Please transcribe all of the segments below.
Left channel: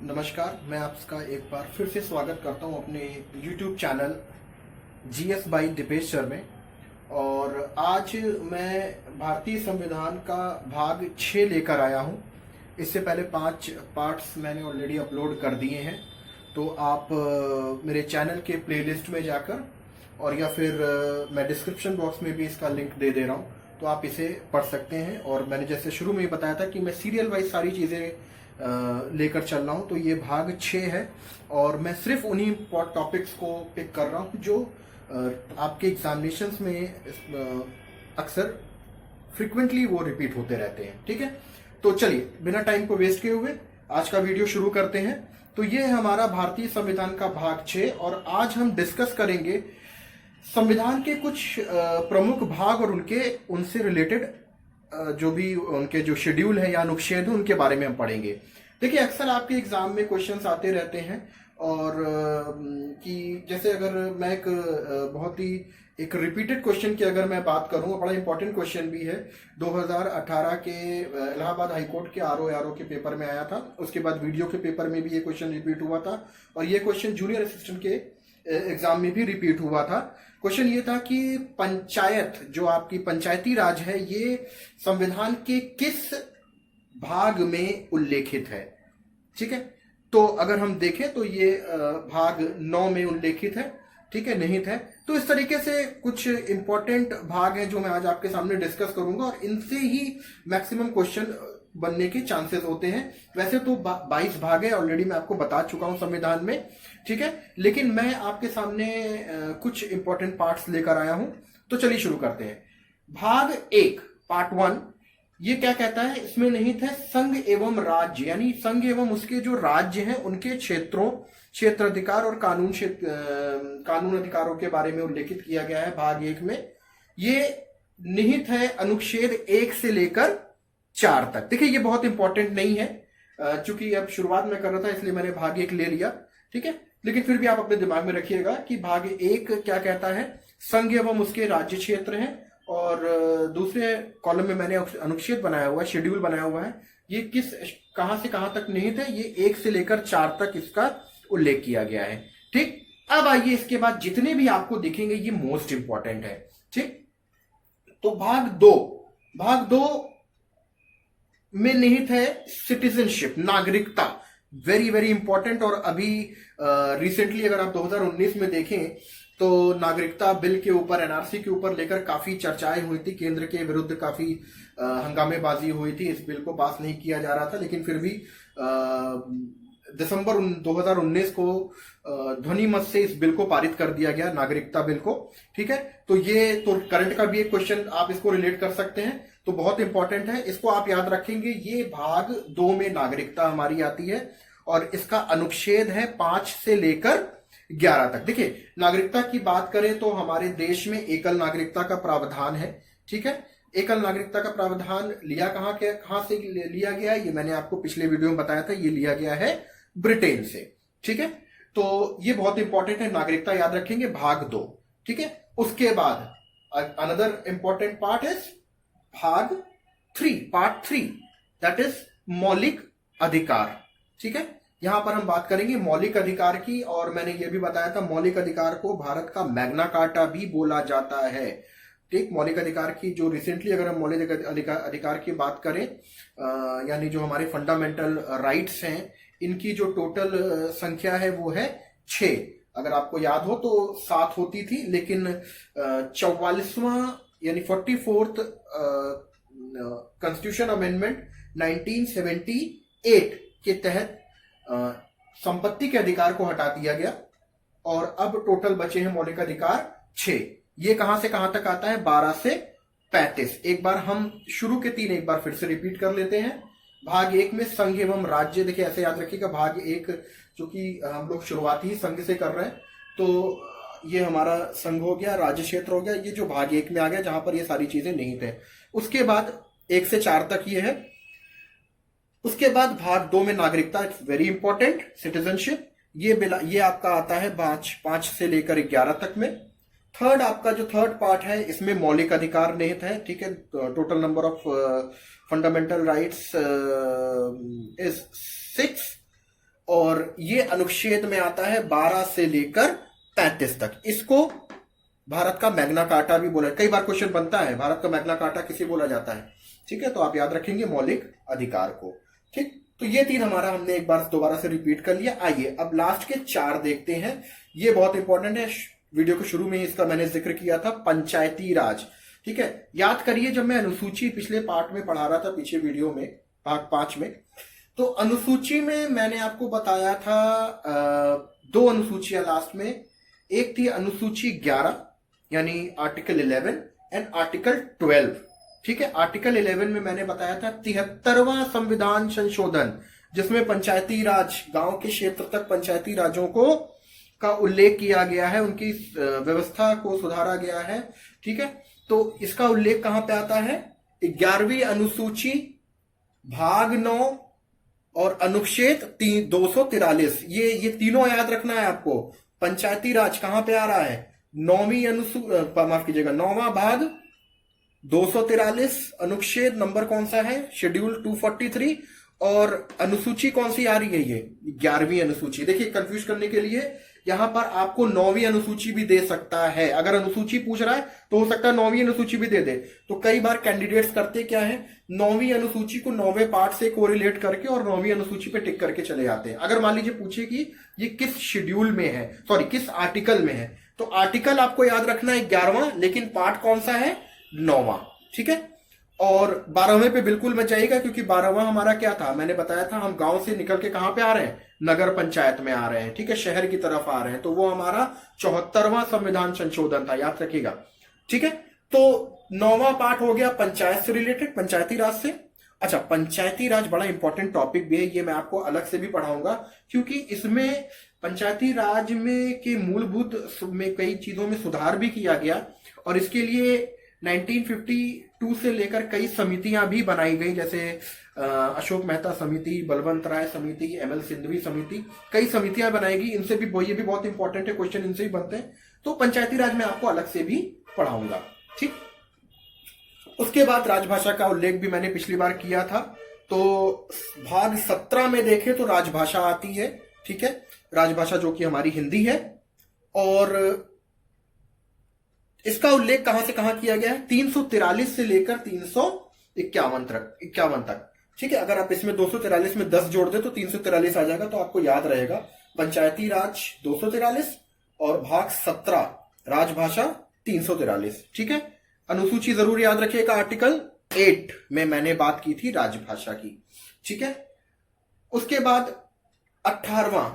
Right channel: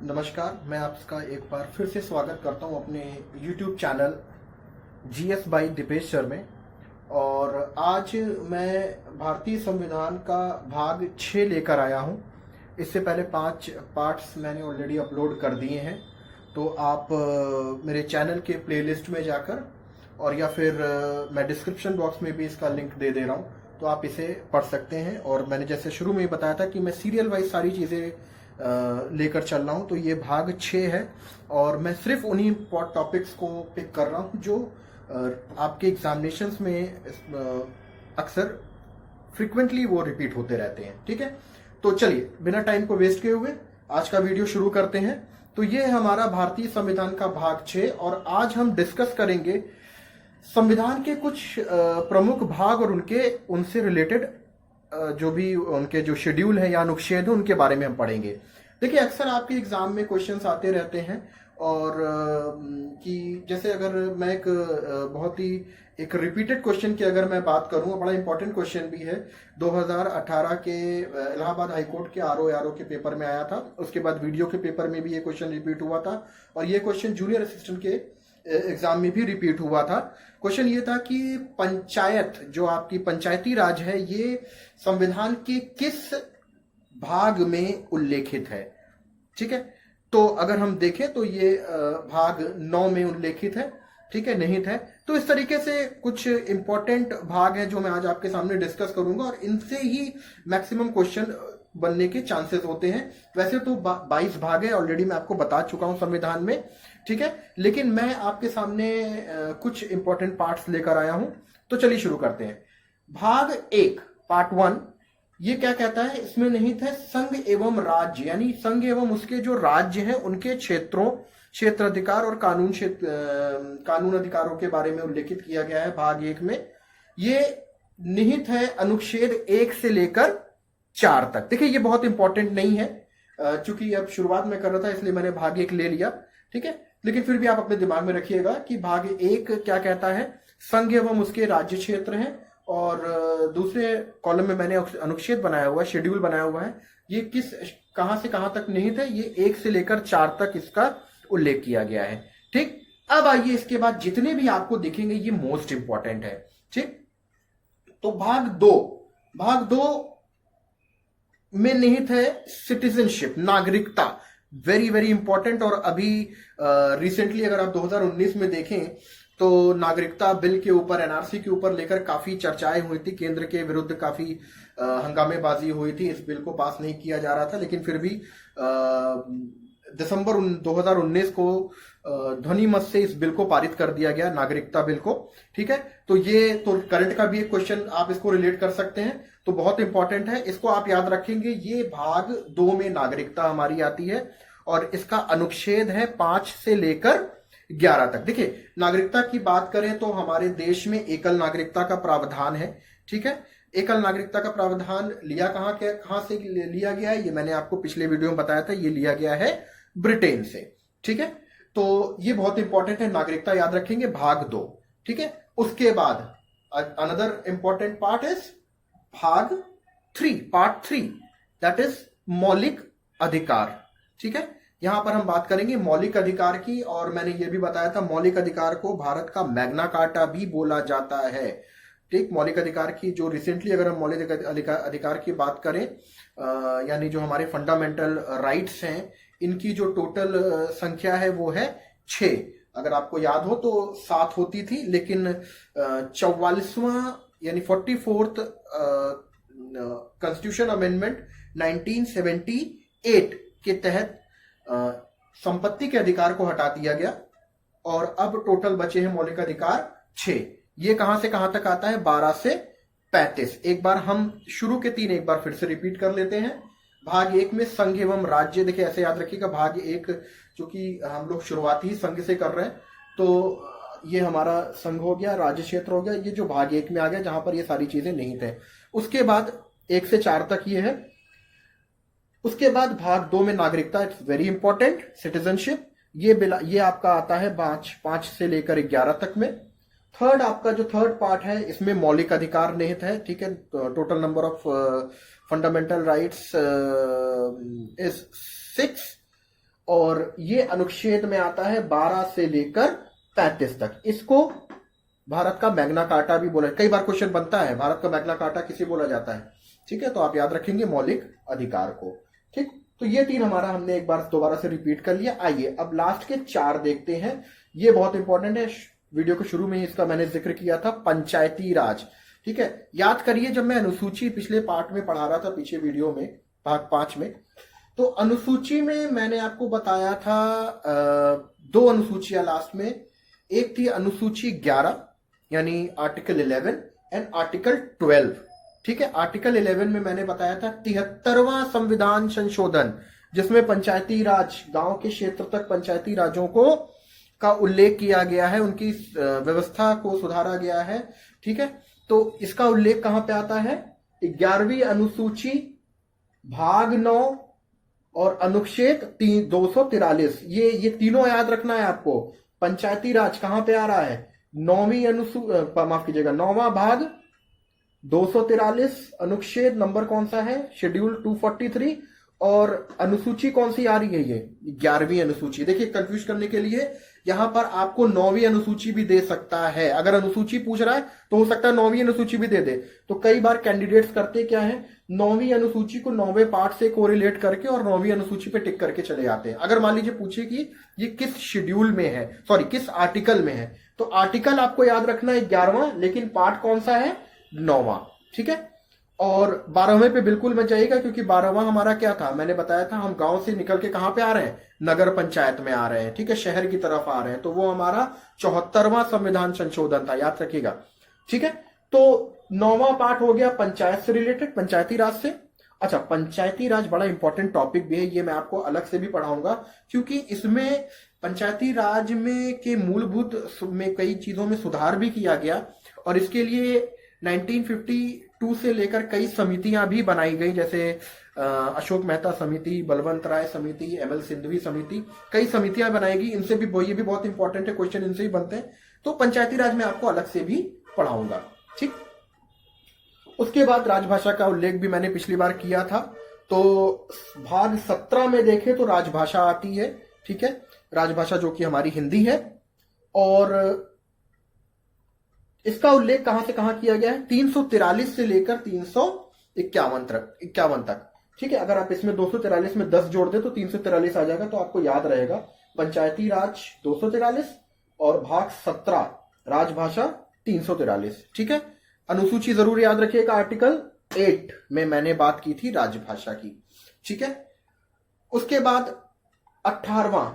नमस्कार, मैं आपका एक बार फिर से स्वागत करता हूं अपने YouTube channel GS by Deepesh sir में। और आज मैं भारतीय संविधान का भाग 6 लेकर आया हूं। इससे पहले 5 पार्ट्स मैंने ऑलरेडी अपलोड कर दिए हैं, तो आप मेरे चैनल के प्लेलिस्ट में जाकर और या फिर मैं डिस्क्रिप्शन बॉक्स में भी इसका लिंक दे रहा हूं, तो आप इसे पढ़ सकते हैं। और मैंने जैसे शुरू में ही बताया था कि मैं सीरियल वाइज सारी चीज़ें लेकर चल रहा हूं, तो ये भाग 6 है और मैं सिर्फ उन्हीं टॉपिक्स को पिक कर रहा हूं जो आपके एग्जामिनेशंस में अक्सर फ्रिक्वेंटली वो रिपीट होते रहते हैं। ठीक है, तो चलिए बिना टाइम को वेस्ट किए हुए आज का वीडियो शुरू करते हैं। तो ये है हमारा भारतीय संविधान का भाग 6 और आज हम डिस्कस करेंगे संविधान के कुछ प्रमुख भाग और उनसे रिलेटेड जो भी उनके जो शेड्यूल है या अनुच्छेद है उनके बारे में हम पढ़ेंगे। देखिए, अक्सर आपके एग्जाम में क्वेश्चंस आते रहते हैं और कि जैसे अगर मैं एक बहुत ही एक रिपीटेड क्वेश्चन की अगर मैं बात करूं, बड़ा इंपॉर्टेंट क्वेश्चन भी है, 2018 के इलाहाबाद हाईकोर्ट के आरओ के पेपर में आया था। उसके बाद वीडियो के पेपर में भी ये क्वेश्चन रिपीट हुआ था और ये क्वेश्चन जूनियर असिस्टेंट के एग्जाम में भी रिपीट हुआ था। क्वेश्चन ये था कि पंचायत, जो आपकी पंचायती राज है, ये संविधान के किस भाग में उल्लेखित है। ठीक है, तो अगर हम देखें तो ये भाग 9 में उल्लेखित है। ठीक है, निहित है। तो इस तरीके से कुछ इंपॉर्टेंट भाग हैं जो मैं आज आपके सामने डिस्कस करूंगा और इनसे ही मैक्सिमम क्वेश्चन बनने के चांसेस होते हैं। वैसे तो 22 भाग है, ऑलरेडी मैं आपको बता चुका हूं संविधान में। ठीक है, लेकिन मैं आपके सामने कुछ इंपॉर्टेंट पार्ट्स लेकर आया हूं। तो चलिए शुरू करते हैं। भाग 1 पार्ट 1 ये क्या कहता है, इसमें निहित है संघ एवं राज्य, यानी संघ एवं उसके जो राज्य हैं उनके क्षेत्रों, क्षेत्र अधिकार और कानून अधिकारों के बारे में उल्लेखित किया गया है भाग 1 में। ये निहित है अनुच्छेद 1 से लेकर 4 तक। देखिए, ये बहुत इंपॉर्टेंट नहीं है, चूंकि अब शुरुआत में कर रहा था इसलिए मैंने भाग 1 ले लिया। ठीक है, लेकिन फिर भी आप अपने दिमाग में रखिएगा कि भाग 1 क्या कहता है, संघ एवं उसके राज्य क्षेत्र हैं, और दूसरे कॉलम में मैंने अनुच्छेद बनाया हुआ है, शेड्यूल बनाया हुआ है। ये कहां से कहां तक निहित है, ये 1 से लेकर 4 तक इसका उल्लेख किया गया है। ठीक, अब आइए इसके बाद जितने भी आपको दिखेंगे ये मोस्ट इंपॉर्टेंट है। ठीक, तो भाग 2 में निहित है सिटीजनशिप, नागरिकता। Very very important. और अभी रिसेंटली अगर आप 2019 में देखें तो नागरिकता बिल के ऊपर, एनआरसी के ऊपर लेकर काफी चर्चाएं हुई थी, केंद्र के विरुद्ध काफी हंगामेबाजी हुई थी, इस बिल को पास नहीं किया जा रहा था, लेकिन फिर भी दिसंबर 2019 को ध्वनि मत से इस बिल को पारित कर दिया गया, नागरिकता बिल को। ठीक है, तो ये तो करंट का भी एक क्वेश्चन आप इसको रिलेट कर सकते हैं, तो बहुत इंपॉर्टेंट है, इसको आप याद रखेंगे। ये भाग 2 में नागरिकता हमारी आती है और इसका अनुच्छेद है 5 से लेकर 11 तक। देखिए, नागरिकता की बात करें तो हमारे देश में एकल नागरिकता का प्रावधान है। ठीक है, एकल नागरिकता का प्रावधान कहां से लिया गया है, ये मैंने आपको पिछले वीडियो में बताया था, ये लिया गया है ब्रिटेन से। ठीक है, तो ये बहुत इंपॉर्टेंट है, नागरिकता याद रखेंगे, भाग 2। ठीक है, उसके बाद अनदर इंपॉर्टेंट पार्ट इज भाग 3 पार्ट 3, दैट इज मौलिक अधिकार। ठीक है, यहां पर हम बात करेंगे मौलिक अधिकार की, और मैंने ये भी बताया था मौलिक अधिकार को भारत का मैग्ना कार्टा भी बोला जाता है। ठीक, मौलिक अधिकार की जो रिसेंटली अगर हम मौलिक अधिकार की बात करें, यानी जो हमारे फंडामेंटल राइट्स हैं, इनकी जो टोटल संख्या है वो है 6। अगर आपको याद हो तो 7 होती थी, लेकिन 44वां यानी 44th कॉन्स्टिट्यूशन अमेंडमेंट 1978 के तहत संपत्ति के अधिकार को हटा दिया गया और अब टोटल बचे हैं मौलिक अधिकार 6। ये कहां से कहां तक आता है, 12 से 35। एक बार हम शुरू के 3 एक बार फिर से रिपीट कर लेते हैं। भाग 1 में संघ एवं राज्य, देखिए ऐसे याद रखिएगा, भाग 1 चूंकि हम लोग शुरुआती ही संघ से कर रहे हैं, तो ये हमारा संघ हो गया, राज्य क्षेत्र हो गया, ये जो भाग 1 में आ गया जहां पर ये सारी चीजें निहित है। उसके बाद 1 से 4 तक ये है। उसके बाद भाग 2 में नागरिकता, इट्स वेरी इंपॉर्टेंट, सिटीजनशिप, ये आपका आता है 5 से लेकर 11 तक में। थर्ड, आपका जो थर्ड पार्ट है इसमें मौलिक अधिकार निहित है। ठीक है, total number of fundamental rights is 6 और ये अनुच्छेद में आता है 12 से लेकर 35 तक। इसको भारत का मैग्ना कार्टा भी बोला, कई बार क्वेश्चन बनता है भारत का मैग्ना कार्टा किसे बोला जाता है, ठीक है, तो आप याद रखेंगे मौलिक अधिकार को। ठीक, तो ये तीन हमारा हमने एक बार दोबारा से रिपीट कर लिया। आइए अब लास्ट के 4 देखते हैं, ये बहुत इंपॉर्टेंट है। वीडियो को शुरू में ही इसका मैंने जिक्र किया था, पंचायती राज। ठीक है, याद करिए जब मैं अनुसूची पिछले पार्ट में पढ़ा रहा था, पीछे वीडियो में भाग 5 में, तो अनुसूची में मैंने आपको बताया था 2 अनुसूचियां लास्ट में। एक थी अनुसूची 11 यानी आर्टिकल 11 एंड आर्टिकल 12। ठीक है, आर्टिकल 11 में मैंने बताया था 73वां संविधान संशोधन, जिसमें पंचायती राज, गांव के क्षेत्र तक पंचायती राजों को का उल्लेख किया गया है, उनकी व्यवस्था को सुधारा गया है। ठीक है, तो इसका उल्लेख कहां पे आता है? 11वीं अनुसूची भाग 9 और अनुच्छेद 243। ये तीनों याद रखना है आपको। पंचायती राज कहां पे आ रहा है? 9वां भाग 243, अनुच्छेद नंबर कौन सा है? शेड्यूल 243। और अनुसूची कौन सी आ रही है? ये 11वीं अनुसूची। देखिए कंफ्यूज करने के लिए यहां पर आपको 9वीं अनुसूची भी दे सकता है। अगर अनुसूची पूछ रहा है तो हो सकता है 9वीं अनुसूची भी दे दे। तो कई बार कैंडिडेट्स करते क्या है, 9वीं अनुसूची को 9वें पार्ट से कोरिलेट करके और 9वीं अनुसूची पे टिक करके चले जाते हैं। अगर मान लीजिए पूछे कि ये किस शेड्यूल में है, सॉरी किस आर्टिकल में है, तो आर्टिकल आपको याद रखना है 11वां, लेकिन पार्ट कौन सा है? 9वां। ठीक है, और 12वें पे बिल्कुल मत जाइएगा, क्योंकि 12वां हमारा क्या था, मैंने बताया था हम गांव से निकल के कहां पे आ रहे हैं? नगर पंचायत में आ रहे हैं। ठीक है, शहर की तरफ आ रहे हैं, तो वो हमारा 74वां संविधान संशोधन था, याद रखिएगा। ठीक है, तो 9वां पार्ट हो गया पंचायत से रिलेटेड, पंचायती राज से। अच्छा, पंचायती राज बड़ा इंपॉर्टेंट टॉपिक भी है, ये मैं आपको अलग से भी पढ़ाऊंगा, क्योंकि इसमें पंचायती राज में के मूलभूत में कई चीजों में सुधार भी किया गया, और इसके लिए 1952 से लेकर कई समितियां भी बनाई गई, जैसे अशोक मेहता समिति, बलवंत राय समिति, एमएल सिंघवी समिति, कई समितियां बनाएगी। इनसे भी ये भी बहुत इंपॉर्टेंट है, क्वेश्चन इनसे भी बनते हैं। तो पंचायती राज में आपको अलग से भी पढ़ाऊंगा। ठीक, उसके बाद राजभाषा का उल्लेख भी मैंने पिछली बार किया था। तो भाग 17 में देखें तो राजभाषा आती है। ठीक है, राजभाषा जो कि हमारी हिंदी है, और इसका उल्लेख कहां से कहां किया गया है? 343 से लेकर 351 तक। ठीक है, अगर आप इसमें 243 में 10 जोड़ दे तो 343 आ जाएगा, तो आपको याद रहेगा पंचायती राज 243 और भाग 17 राजभाषा 343। ठीक है, अनुसूची जरूर याद रखिएगा, आर्टिकल 8 में मैंने बात की थी राजभाषा की। ठीक है, उसके बाद 18वां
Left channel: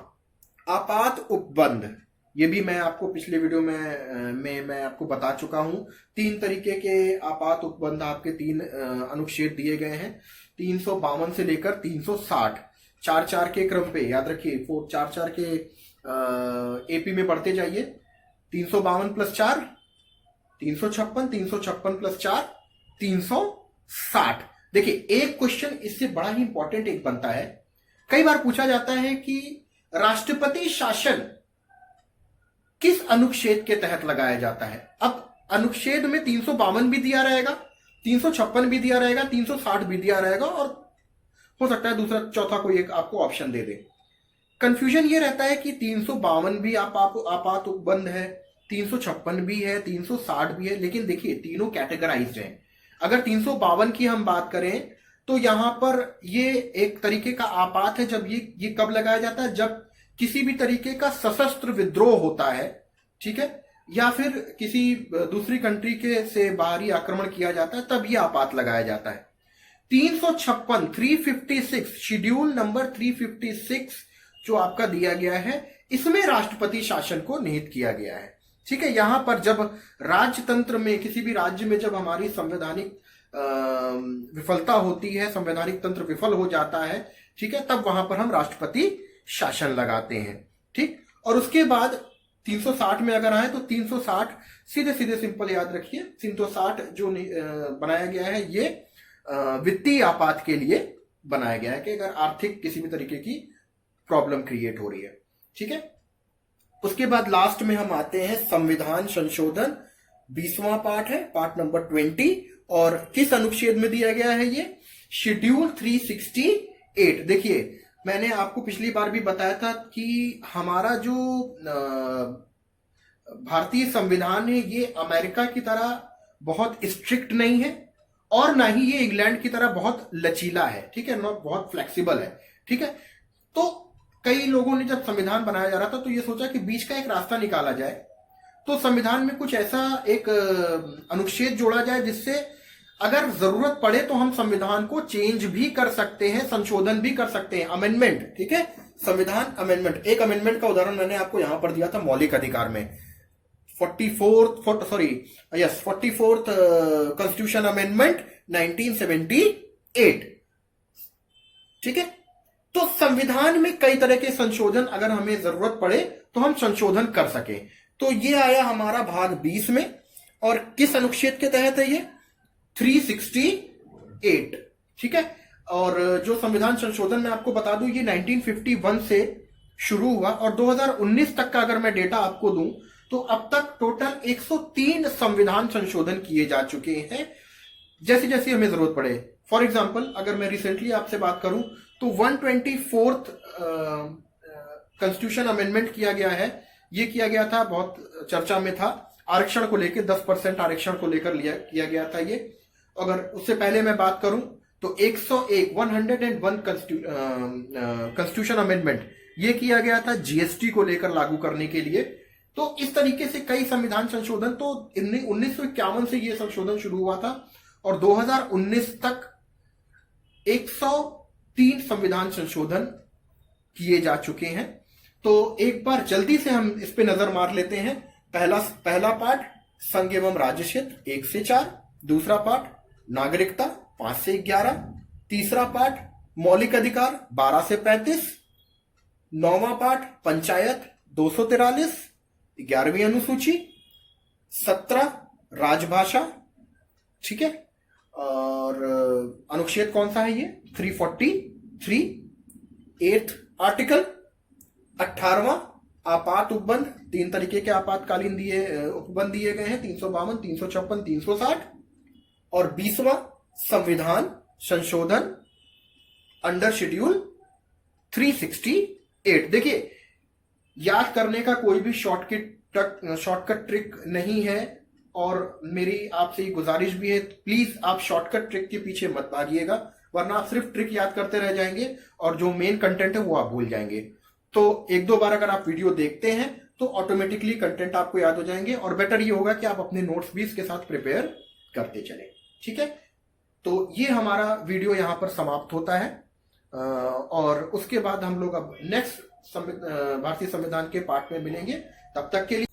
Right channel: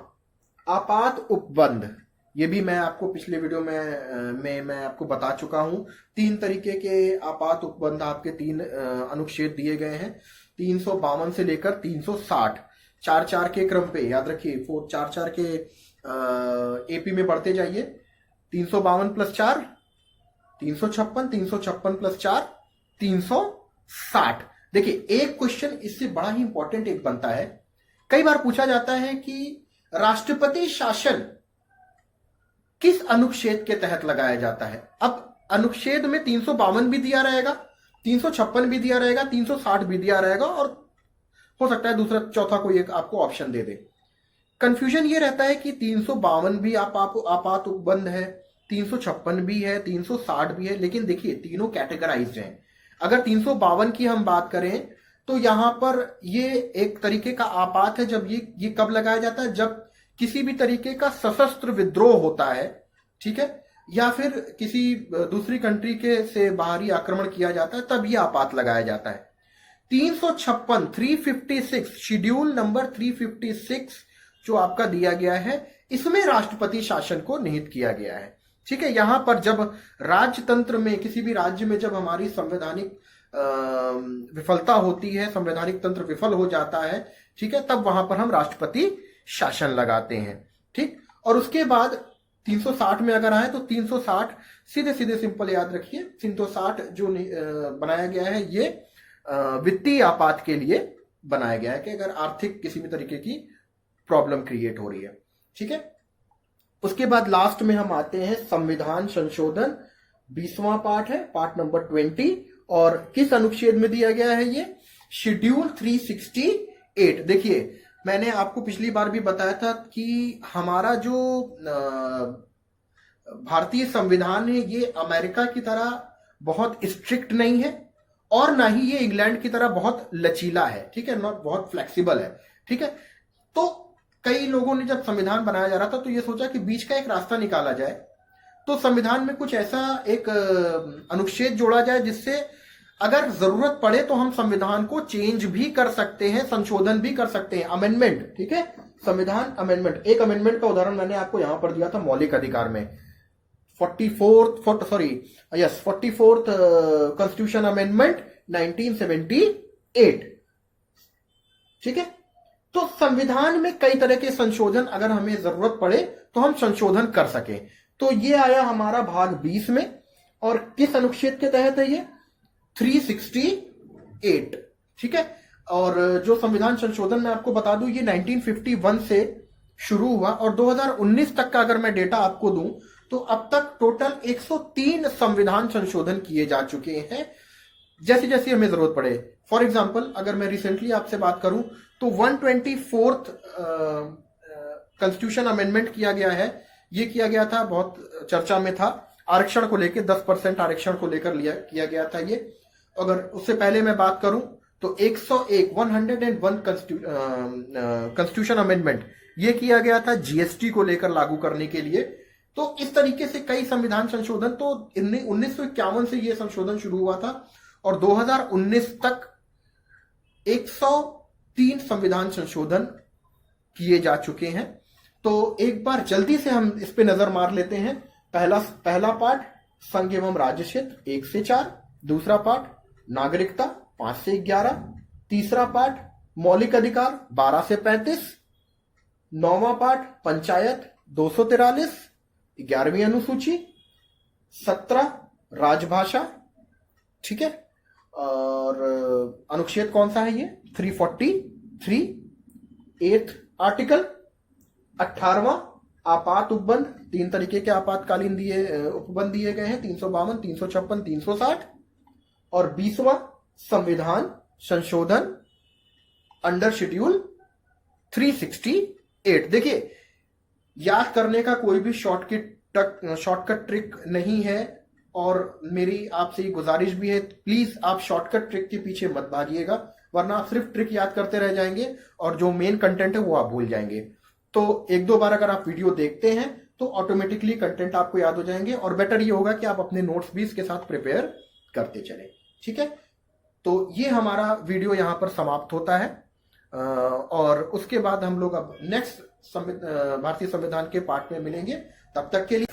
आपात उपबंध, ये भी मैं आपको पिछले वीडियो में मैं आपको बता चुका हूं। 3 तरीके के आपात उपबंध आपके 3 अनुच्छेद दिए गए हैं, 352 से लेकर 360, 4-4 के क्रम पे, याद रखिए 4-4 के एपी में पढ़ते जाइए। 352 + 4 356, 356 + 4 360। देखिए एक क्वेश्चन इससे बड़ा ही इंपॉर्टेंट एक बनता है, कई बार पूछा जाता है कि राष्ट्रपति शासन किस अनुच्छेद के तहत लगाया जाता है। अब अनुच्छेद में 352 भी दिया रहेगा, 356 भी दिया रहेगा, 360 भी दिया रहेगा, और हो सकता है दूसरा चौथा कोई एक आपको ऑप्शन दे दे। कंफ्यूजन ये रहता है कि 352 भी आपात उपबंध है, 356 भी है, 360 भी है, लेकिन देखिए तीनों कैटेगराइज्ड हैं। अगर 352 की हम बात करें तो यहां पर ये एक तरीके का आपात है। जब ये कब लगाया जाता है? जब किसी भी तरीके का सशस्त्र विद्रोह होता है, ठीक है, या फिर किसी दूसरी कंट्री के से बाहरी आक्रमण किया जाता है, तब यह आपात लगाया जाता है। 356 356 शेड्यूल नंबर 356 जो आपका दिया गया है, इसमें राष्ट्रपति शासन को निहित किया गया है। ठीक है, यहां पर जब राजतंत्र में, किसी भी राज्य में जब हमारी संवैधानिक विफलता होती है, संवैधानिक तंत्र विफल हो जाता है, ठीक है, तब वहां पर हम राष्ट्रपति शासन लगाते हैं। ठीक, और उसके बाद 360 में अगर आए तो 360 सीधे सीधे सिंपल याद रखिए, 360 जो बनाया गया है ये वित्तीय आपात के लिए बनाया गया है, कि अगर आर्थिक किसी भी तरीके की प्रॉब्लम क्रिएट हो रही है। ठीक है, उसके बाद लास्ट में हम आते हैं संविधान संशोधन, 20वां पार्ट है, पार्ट नंबर 20, और किस अनुच्छेद में दिया गया है ये? शेड्यूल 368। देखिए मैंने आपको पिछली बार भी बताया था कि हमारा जो भारतीय संविधान है ये अमेरिका की तरह बहुत स्ट्रिक्ट नहीं है और ना ही ये इंग्लैंड की तरह बहुत लचीला है, ठीक है, नॉट बहुत फ्लेक्सिबल है, ठीक है। तो कई लोगों ने जब संविधान बनाया जा रहा था तो ये सोचा कि बीच का एक रास्ता निकाला जाए, तो संविधान में कुछ ऐसा एक अनुच्छेद जोड़ा जाए जिससे अगर जरूरत पड़े तो हम संविधान को चेंज भी कर सकते हैं, संशोधन भी कर सकते हैं, अमेंडमेंट, ठीक है, संविधान अमेंडमेंट। एक अमेंडमेंट का उदाहरण मैंने आपको यहां पर दिया था मौलिक अधिकार में, 44th कॉन्स्टिट्यूशन अमेंडमेंट 1978, ठीक है। तो संविधान में कई तरह के संशोधन अगर हमें जरूरत पड़े तो हम संशोधन कर सके। तो ये आया हमारा भाग 20 में, और किस अनुच्छेद के तहत है ये? 368, ठीक है। और जो संविधान संशोधन मैं आपको बता दूं ये 1951 से शुरू हुआ और 2019 तक का अगर मैं डेटा आपको दूं तो अब तक टोटल 103 संविधान संशोधन किए जा चुके हैं, जैसे जैसे हमें जरूरत पड़े। फॉर एग्जाम्पल अगर मैं रिसेंटली आपसे बात करूं तो 124th कॉन्स्टिट्यूशन अमेंडमेंट किया गया है। ये किया गया था, बहुत चर्चा में था, आरक्षण को लेकर 10% आरक्षण को लेकर किया गया था ये। अगर उससे पहले मैं बात करूं तो 101 कॉन्स्टिट्यूशन अमेंडमेंट ये किया गया था जीएसटी को लेकर लागू करने के लिए। तो इस तरीके से कई संविधान संशोधन, तो 1951 से ये संशोधन शुरू हुआ था और 2019 तक 103 संविधान संशोधन किए जा चुके हैं। तो एक बार जल्दी से हम इस पे नजर मार लेते हैं। पहला पार्ट संघ एवं राज्य क्षेत्र 1 से 4, दूसरा पार्ट नागरिकता 5 से 11, तीसरा पार्ट मौलिक अधिकार 12 से 35, 9वां पार्ट पंचायत 243, 11वीं अनुसूची, 17 राजभाषा, ठीक है। और अनुच्छेद कौन सा है ये? 343, 8th आर्टिकल, 18वां आपात उपबंध, 3 तरीके के आपातकालीन उपबंध दिए गए हैं, 352, 356, 360, और 20वां संविधान संशोधन अंडर शेड्यूल 368। देखिए, याद करने का कोई भी शॉर्टकट ट्रिक नहीं है और मेरी आपसे ये गुजारिश भी है, प्लीज आप शॉर्टकट ट्रिक के पीछे मत भागिएगा, वरना आप सिर्फ ट्रिक याद करते रह जाएंगे और जो मेन कंटेंट है वो आप भूल जाएंगे। तो 1-2 बार अगर आप वीडियो देखते हैं तो ऑटोमेटिकली कंटेंट आपको याद हो जाएंगे और बेटर ये होगा कि आप अपने नोट्स भी इसके साथ प्रिपेयर करते चलें, ठीक है। तो ये हमारा वीडियो यहां पर समाप्त होता है और उसके बाद हम लोग अब नेक्स्ट भारतीय संविधान के पार्ट में मिलेंगे। तब तक के लिए